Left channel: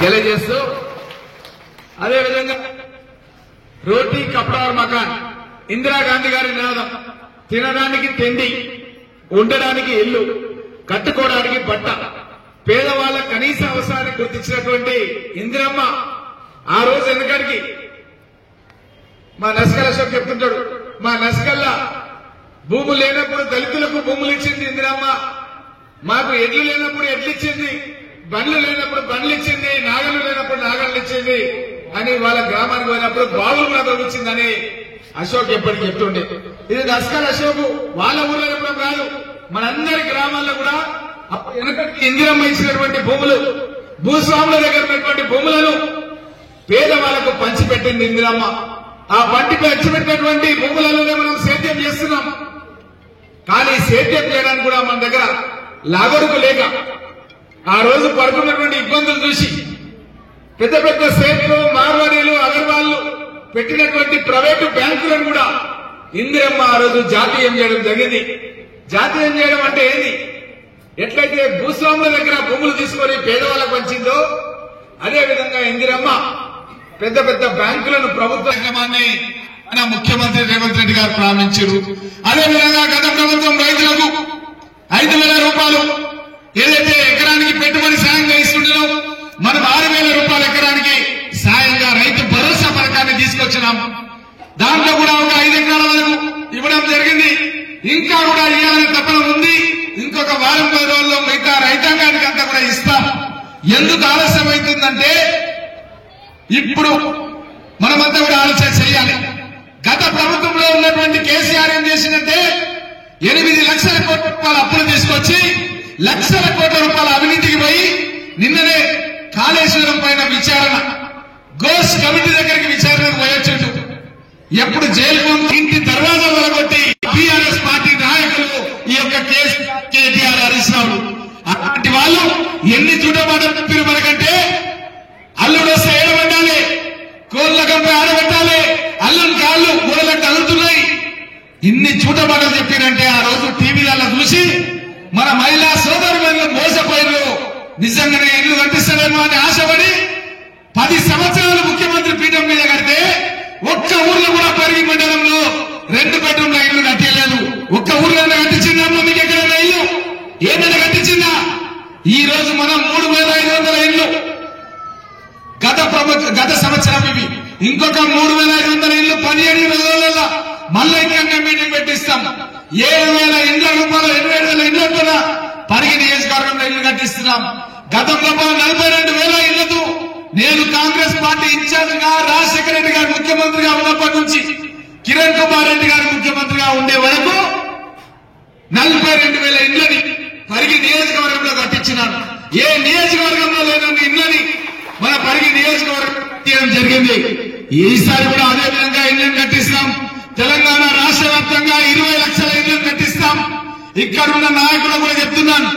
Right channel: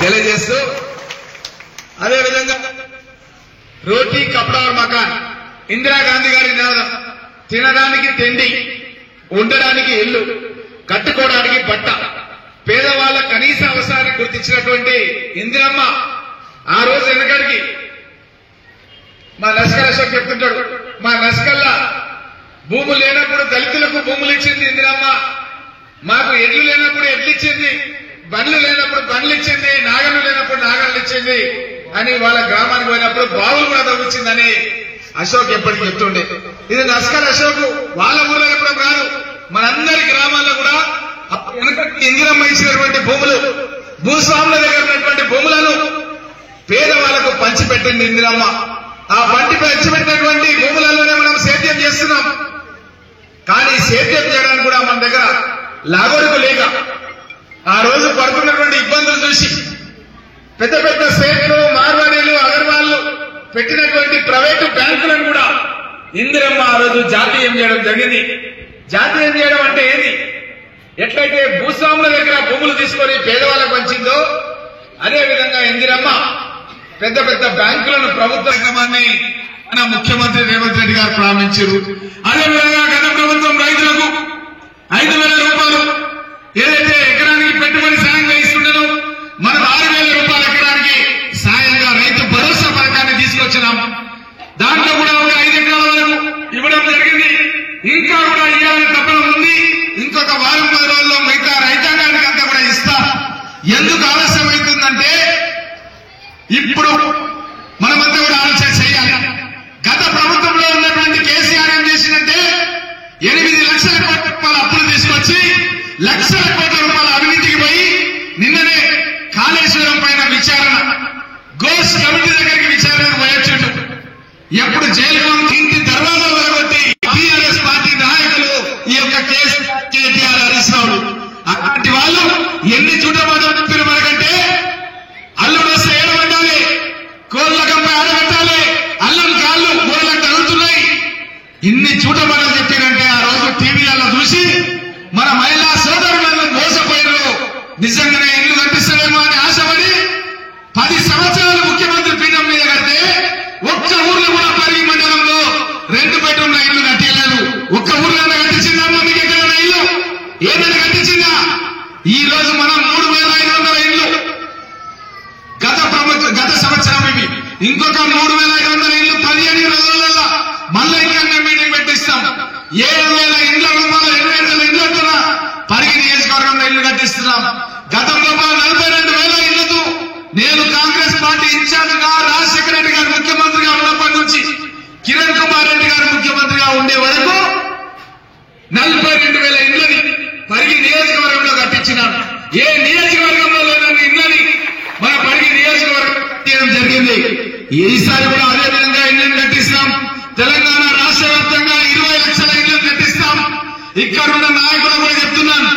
తెలియజేస్తూ అదేవిధంగా రోటీ కపడా మకాన్ ఇందిరాగాంధీ గారి నినాదం తినడానికి తిండి, ఉండడానికి ఇల్లు, కట్టుకోవడానికి బట్ట, పేదవాళ్ల కనీస అవసరాన్ని గుర్తించినటువంటి ఇందిరమ్మ ఆ రోజు వెనకడికి మా నస్కల్ అశోక్ చెప్తుంటాడు, మా నస్కల్లా భూములు లేనప్పుడు దళితులకు భూములు ఇచ్చింది ఇందిరమ్మ, మాకు ఎడ్లు లేనప్పుడు ఎడ్లు ఇచ్చింది, బండ్లు లేనప్పుడు బండ్లు ఇచ్చింది, నాగళ్ళు లేనప్పుడు నాగళ్ళు ఇచ్చింది అని వాళ్ళ గ్రామానికి పోయినప్పుడు బావులు కూడా తగ్గించిందని అశోక్ ఎప్పటికీ చెప్తుండే. ఇది నస్కల్ అశోక్ వాళ్ళ ఊళ్ళో ఎప్పుడు కాదు, మనందరి గ్రామాల్లో కూడా వెనకటి ఇందిరమ్మ ఇచ్చినటువంటి భూములు, భూస్వాముల దగ్గర ఉన్నటువంటి భూములను పేదవాళ్లకు పంచిపెట్టింది ఇందిరమ్మ. ఆ పంచిపెట్టినటువంటి భూములలోనే మనం సేద్యం చేస్తున్నాం. కానీ సేద్యం చేయడానికి కూడా మన దగ్గర లాగరుకు లేక ఆ రోజు పడుతున్నటువంటి ఇబ్బందులు చూసి పెద్ద పెద్ద సేట్లు, మార్వాడీలు, అగర్వాళ్లు పెట్టినటువంటి ప్రైవేటు బ్యాంకులను కూడా ఇందిరమ్మ ఆ రోజు జాతీయం చేయడం జరిగింది. జాతీయం చేయడం అంటే ఏంది? ఎట్లయితే భూస్వాముల దగ్గర భూములు తీసుకొని పేదవాళ్ళకు పంచిందో అదేవిధంగా ఇందిరమ్మ పెద్ద పెద్ద బ్యాంకులను ప్రభుత్వ క్రమాన్ని మన ముఖ్యమంత్రి రేవంత్ రెడ్డి గారు ప్రారంభించారు. అదేవిధంగా గత ప్రభుత్వం రైతులకు 5,000 రూపాయలు ఏదైతే ఎకరానికి పెట్టుబడి సాయంగా ఇస్తుండేనో మనం 6,000 రూపాయలు ఎకరానికి సాయంగా రైతు భరోసా పథకాన్ని తీసుకొచ్చినాం. దాంట్లో కూడా ఒక 5 ఎకరాల వరకు ఇవ్వడం జరిగింది. ఇంకా కూడా ఇవ్వాలని తప్పన ఉంది. ఇంకొక వారం 10 రోజుల్లో మిగతా రైతాంగానికి అంతా కూడా ఇస్తాం. ఎందుకు ఆలస్యం అవుతుందంటే ఇప్పుడు మనమంతా కూడా ఆలోచన చేయాలి. గత ప్రభుత్వంలో ఉన్నటువంటి కేసీఆర్ ఏం చేసిందంటే 8 లక్షల కోట్ల రూపాయల అప్పులు తీసుకొచ్చి లక్షల కోట్ల రూపాయల అవినీతికి పోయి నిన్ననే కాళేశ్వరం పైన విచారణ గోస్ కమిటీ దగ్గరికి విచారణకు పోయొచ్చాడు. ఎప్పుడు జైలు ఇంటి దర్వాజా వరగొట్టి టీఆర్ఎస్ పార్టీ నాయకులు ఈ యొక్క కేసు కేటీఆర్ అరెస్టాడు. అటువంటి వాళ్ళు ఎన్ని చుట్టబడి మనకంటే అల్లుడు వస్తే ఏడబట్టాలి, కోళ్ళ కంప ఆడబెట్టాలి, అల్లుని కాళ్ళు మూడగంట అల్లుతున్నాయి. ఇన్ని చూడబడని చెప్పినంటే ఆ రోజు టీవీలలో చూసి మన మహిళా సోదరులను మోసపోయారు. నిజంగానే ఇల్లు కట్టిస్తారేమో అని ఆశపడి 10 సంవత్సరాలు ముఖ్యమంత్రి పీఠం మీద కడితే ఒక్క ఊర్లో కూడా పరిగి మండలంలో 2 బెడ్రూమ్ల ఇల్లు కట్టించారు. ఒక్క ఊర్లో కట్టించిందా? మీకు ఎక్కడ ఇల్లు ఏమైనా కట్టించిందా? ఈ రోజు మనం 3,500 ఇల్లు గత సంవత్సరం ఇవి ఇంకొక 3,500 ఇల్లు 15 రోజులలో మళ్ళీ ఇంకా మీటింగ్ పెట్టిస్తాం. 7,000 ఇళ్ల రూపాయలు 27,000 ఇళ్ల కూడా పరిగి నియోజకవర్గంలో ఇల్లు కట్టిస్తున్నాం. గతంలో 42,000 ఇళ్లతో నేను కాంగ్రెస్ పార్టీ ఇన్ఛార్జ్ గా రాజశేఖర రెడ్డి గారు ముఖ్యమంత్రిగా ఉన్నప్పటి నుంచి కిరణ్ కుమార్ రెడ్డి గారు ముఖ్యమంత్రిగా ఉండే వరకు 42,000 ఇళ్లని పరిగి నియోజకవర్గంలో కట్టించినాను. ఏ నియోజకవర్గంలో లేనన్ని ఇళ్లని మన పరిగి నియోజకవర్గం కట్టించడం జరిగింది. ఈసారి కూడా అదే విధంగా ఇళ్లను కట్టిస్తాం. తెలంగాణ రాష్ట్ర వ్యాప్తంగా 20 లక్షల ఇళ్లను కట్టిస్తాం. ఇక్కడున్న నాయకులు కూడా చెప్తున్నాను,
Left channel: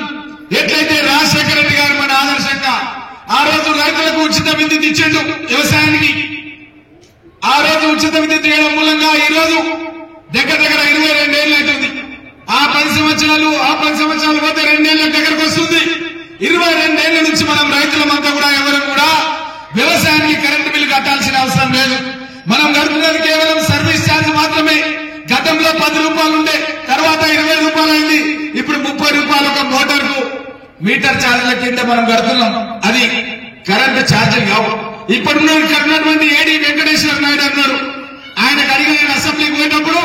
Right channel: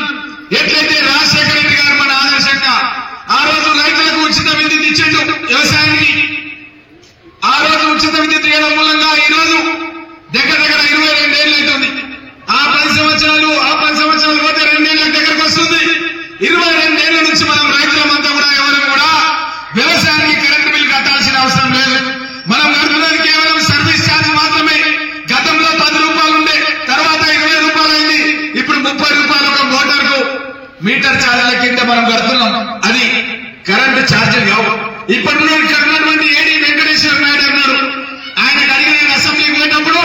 ఎట్లయితే రాజశేఖర రెడ్డి గారు మన ఆదర్శంగా ఆ రోజు రైతులకు ఉచిత విద్యుత్ ఇచ్చిండు వ్యవసాయానికి. ఆ రోజు ఉచిత విద్యుత్ ఇవ్వడం మూలంగా ఈ రోజు దగ్గర 22 ఏళ్ళు అవుతుంది. ఆ 10 సంవత్సరాలు పోతే 2 ఏళ్ళ దగ్గరకు వస్తుంది. 22 ఏళ్ల నుంచి మనం రైతులమంతా కూడా ఎవరు కూడా వ్యవసాయానికి కరెంటు బిల్లు కట్టాల్సిన అవసరం లేదు. మనం గడుపున్నది కేవలం సర్వీస్ ఛార్జ్ మాత్రమే. గతంలో 10 రూపాయలు ఉండే, తర్వాత 20 రూపాయలు అయింది. ఇప్పుడు 30 రూపాయలు ఒక మోటార్కు మీటర్ ఛార్జీల కింద మనం కడుతున్నాం. అది కరెంటు ఛార్జీలు కావు. ఇప్పుడు నేను కట్టినటువంటి ఏడీ వెంకటేశ్వర నాయుడు అన్నారు. ఆయనకు అడిగిన అసెంబ్లీకి పోయినప్పుడు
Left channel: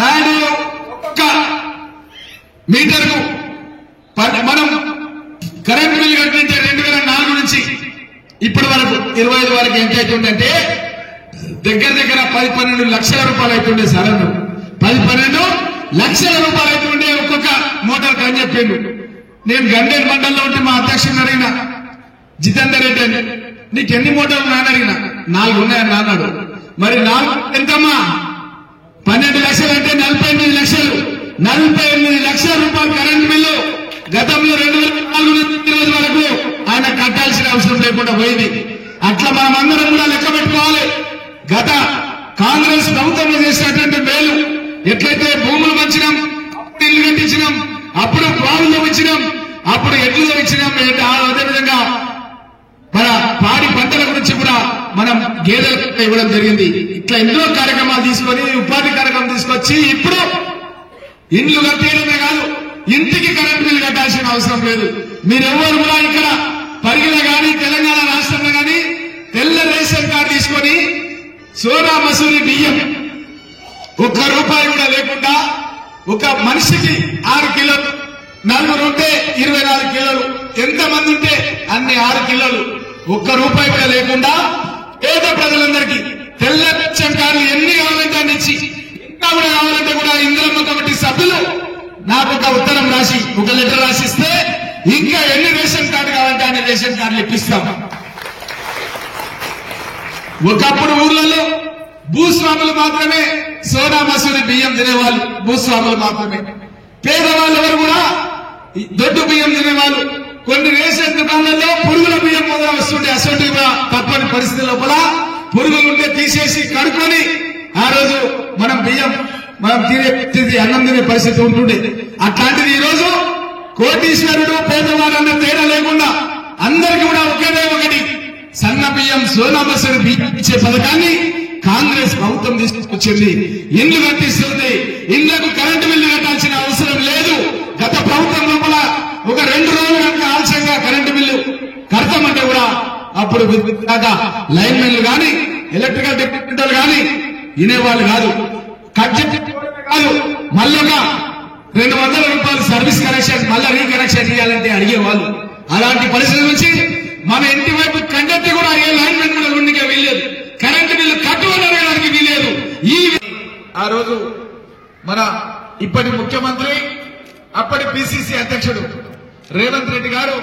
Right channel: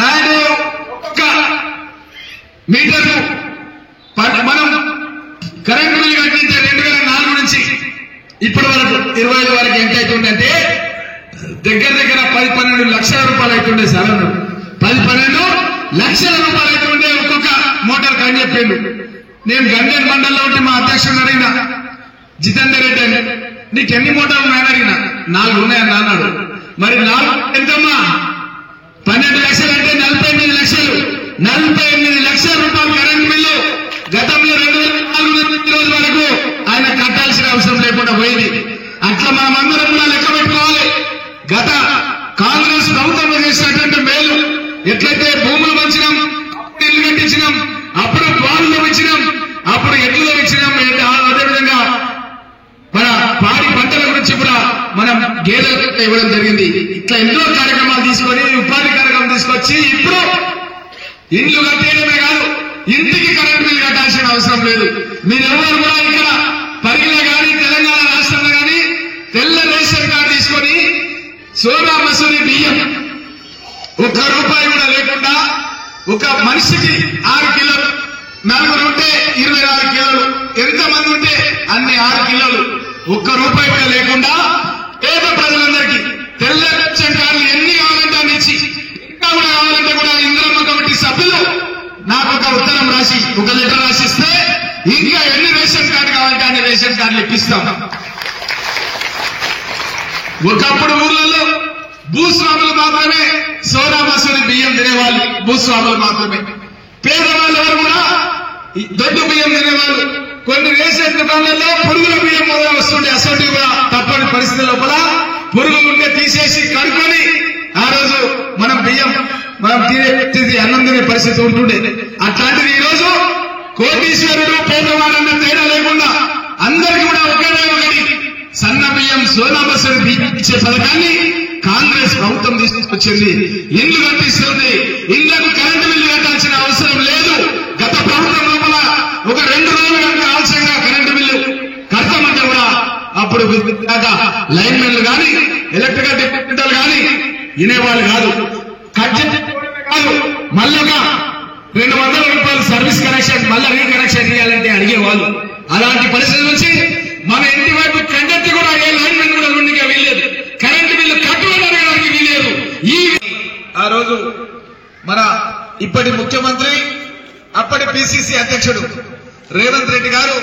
నాయుడు ఒక్క మీటర్కు మనం కరెంటు బిల్లు కట్టించే 2004 నుంచి ఇప్పటి వరకు 25 వరకు ఎంత అవుతుందంటే దగ్గర 10-12 లక్షల రూపాయలు అవుతుండే. సార్ 10-12 లక్షల రూపాయలు అవుతుండే ఒక్కొక్క మోటార్ అని చెప్పిండు. నేను గండేరు మండలంలో ఉంటే మా అధ్యక్షుడు అడిగిన జితేందర్ రెడ్డి అని, నీకు ఎన్ని మోటార్లు నాన్న అడిగిన 4 ఉన్నాయని అన్నాడు. మరి 4 ఎంతమ్మా? 12 లక్షలు అంటే 48 లక్షలు. 48 లక్షల రూపాయలు కరెంట్ బిల్లు గతంలో 2004 వరకు ఆయన కట్టాల్సిన అవసరం లేకుండా పోయింది. అట్లా మనమందరం కూడా లెక్క పెట్టుకోవాలి. గత కాంగ్రెస్ ప్రభుత్వంలో చేసినటువంటి మేలు ఎట్లయితే భూములు పంచినాం, ఇల్లు కట్టించినాం, అప్పుడు బావులు ఇచ్చినాం, అప్పుడు ఎడ్లు ఇచ్చినాం, అదేవిధంగా పాడి పంటల గురించి కూడా మనం గేదెలకు ఇవ్వడం జరిగింది. ఇట్లా ఎన్నో కార్యక్రమాలు తీసుకొని ఉపాధి కార్యక్రమం తీసుకొచ్చి ఇప్పుడు ఇండ్లు కట్టేయడమే కాదు, ఇంటికి కరెంట్ బిల్లు కట్టాల్సిన అవసరం లేదు. మీరెవరు కూడా ఇక్కడ పరిగిలో కానీ తెలంగాణ రాష్ట్రంలో కానీ తెల్ల రేషన్ కార్డు తీసుకొని సోనా మసూరి బియ్యం ₹1 కూడా లేకుండా ఒక మనిషికి 6 కిలోలు, నలుగురు ఉంటే 24 కిలోలు, ఎంతమంది ఉంటే అన్ని 6 కిలోలు, ₹1 కూడా లేకుండా పేద ప్రజలందరికీ తెల్ల రేషన్ కార్డులు ఎన్ని కావాలంటే అన్ని ఇచ్చి, ఇంకా కూడా కావాలంటే కూడా ఇందిరమ్మ కమిటీ సభ్యులు నాకు ఒక ఉత్తరం రాసి ఒక లెటర్ రాసిస్తే ఇంకా ఎన్ని రేషన్ కార్డు కావాలంటే అన్ని రేషన్ కార్డులు ఇప్పిస్తాం. ఒకప్పుడు ఊర్లలో భూస్వాములు మాత్రమే సోనా మసూరి బియ్యం తినేవాళ్ళు, భూస్వాములు మాత్రమే. పేదవాళ్ళు ఎవరు కూడా దొడ్డు బియ్యం తినేవాళ్ళు. కొన్ని రేషన్ దుకాణాల్లో పురుగుల బియ్యం కూడా వస్తుండే, అసలు కూడా తప్పని పరిస్థితుల్లో కూడా పురుగులు ఉంటే తీసేసి కడుక్కొని ఆ రోజు మనం బియ్యం మనం తినే అన్నం తినే పరిస్థితి ఉంటుండే. అట్లాంటిది ఈ రోజు కోటీశ్వరుడు పేదవాళ్ళన్న తేడా లేకుండా అందరికీ కూడా ఒకటి సన్న బియ్యం సోనా మసూరి బియ్యం ఇచ్చే పథకాన్ని కాంగ్రెస్ ప్రభుత్వం తీసుకొచ్చింది. ఇల్లు కట్టిస్తుంది, ఇళ్లకు కరెంటు బిల్లు కట్టాల్సిన అవసరం లేదు. గత ప్రభుత్వం లోపల ఒక 2 రోజులు కనుక ఆలస్యంగా కరెంటు బిల్లు కడతామంటే కూడా అప్పుడు లైన్ మెన్లు కానీ ఎలక్ట్రికల్ డిపార్ట్మెంట్లు కానీ వినేవాళ్ళు కాదు. కట్ కాదు, మళ్ళా ₹200 సర్వీస్ కనెక్షన్ మళ్ళా రీకనెక్షన్ చేయాలంటే అడిగేవాళ్ళు. అలాంటి పరిస్థితి నుంచి మన ఇంటి వైపు కండక్ట్ కూడా ఏ లైన్ మెన్ కూడా నుండిగా వెళ్ళలేదు, కరెంటు బిల్లు కట్టుకోవడానికి వీలేదు. ఆ రోజు మన ఇప్పటి ముఖ్యమంత్రి అప్పటి పిసిసి అధ్యక్షుడు రేవంత్ రెడ్డి గారు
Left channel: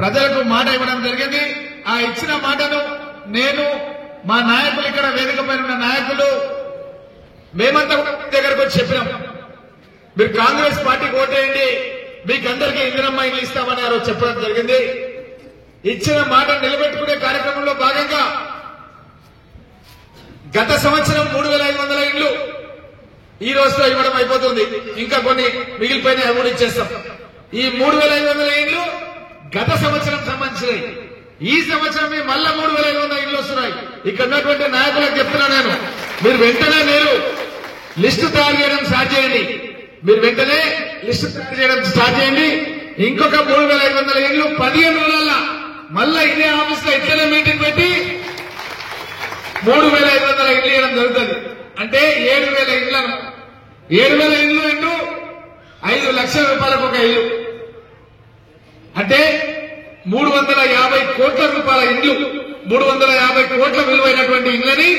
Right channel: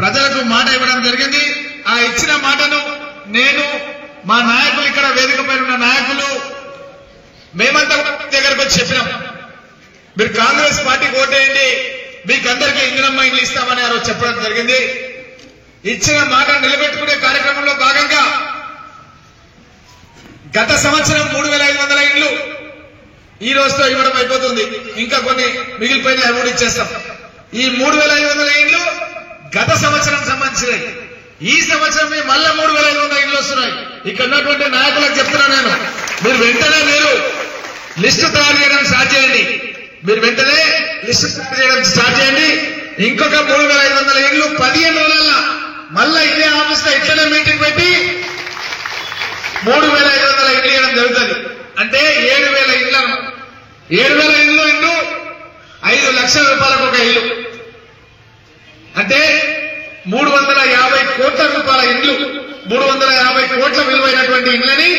ప్రజలకు మాట ఇవ్వడం జరిగింది. ఆ ఇచ్చిన మాటను నేను మా నాయకులు, ఇక్కడ వేదిక పైన ఉన్న నాయకులు మేమంతా దగ్గరకు వచ్చి చెప్పినాం, మీరు కాంగ్రెస్ పార్టీకి ఓటేయండి, మీకందరికీ ఇందిరమ్మ ఇల్లు ఇస్తామని ఆ రోజు చెప్పడం జరిగింది. ఇచ్చిన మాట నిలబెట్టుకునే కార్యక్రమంలో భాగంగా గత సంవత్సరం 3500 ఇండ్లు ఈ రోజుతో ఇవ్వడం అయిపోతుంది. ఇంకా కొన్ని మిగిలిపోయిన అమౌంట్ ఇచ్చేస్తాం. ఈ 3500 ఇండ్లు గత సంవత్సరం సంబంధించినవి. ఈ సంవత్సరం మళ్ళా 3500 ఇండ్లు వస్తున్నాయి. ఇక్కడ ఉన్నటువంటి నాయకులకు చెప్తున్నా నేను, మీరు వెంటనే లిస్టు తయారు చేయడం స్టార్ట్ చేయండి. మీరు వెంటనే లిస్టు తయారు చేయడం స్టార్ట్ చేయండి. ఇంకొక 3500 ఇండ్లు 15 రోజుల్లో మళ్ళా ఇదే ఆఫీస్ లో ఇట్లనే మీటింగ్ పెట్టి 3500 ఇండ్లు ఇవ్వడం జరుగుతుంది. అంటే 7000 ఇండ్లు. 7000 ఇండ్లు ఇంటూ ₹5 లక్షల ఒక ఇల్లు అంటే 350 కోట్ల రూపాయల ఇండ్లు, 350 కోట్ల విలువైనటువంటి ఇండ్లని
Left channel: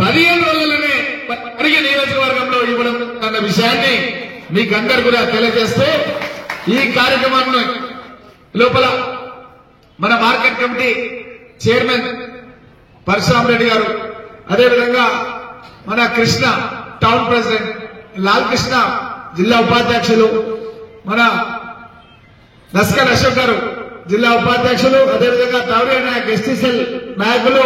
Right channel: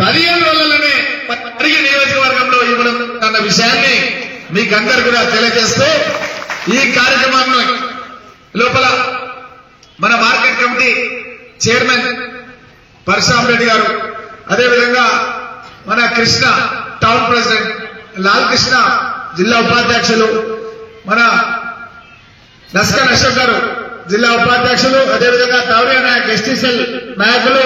15 రోజుల్లోనే పరిగి నియోజకవర్గంలో ఇవ్వడం అన్న విషయాన్ని మీకందరూ కూడా తెలియజేస్తూ ఈ కార్యక్రమాన్ని లోపల మన market committee chairman Parashuram Reddy గారు, అదేవిధంగా మన కృష్ణ టౌన్ ప్రెసిడెంట్ లాల్ కృష్ణ, జిల్లా ఉపాధ్యక్షులు మన నస్కల్ అశోక్ గారు జిల్లా ఉపాధ్యక్షులు, అదేవిధంగా తావ్రియా నాయక్ ఎస్టీసీఎల్ నాయకులు,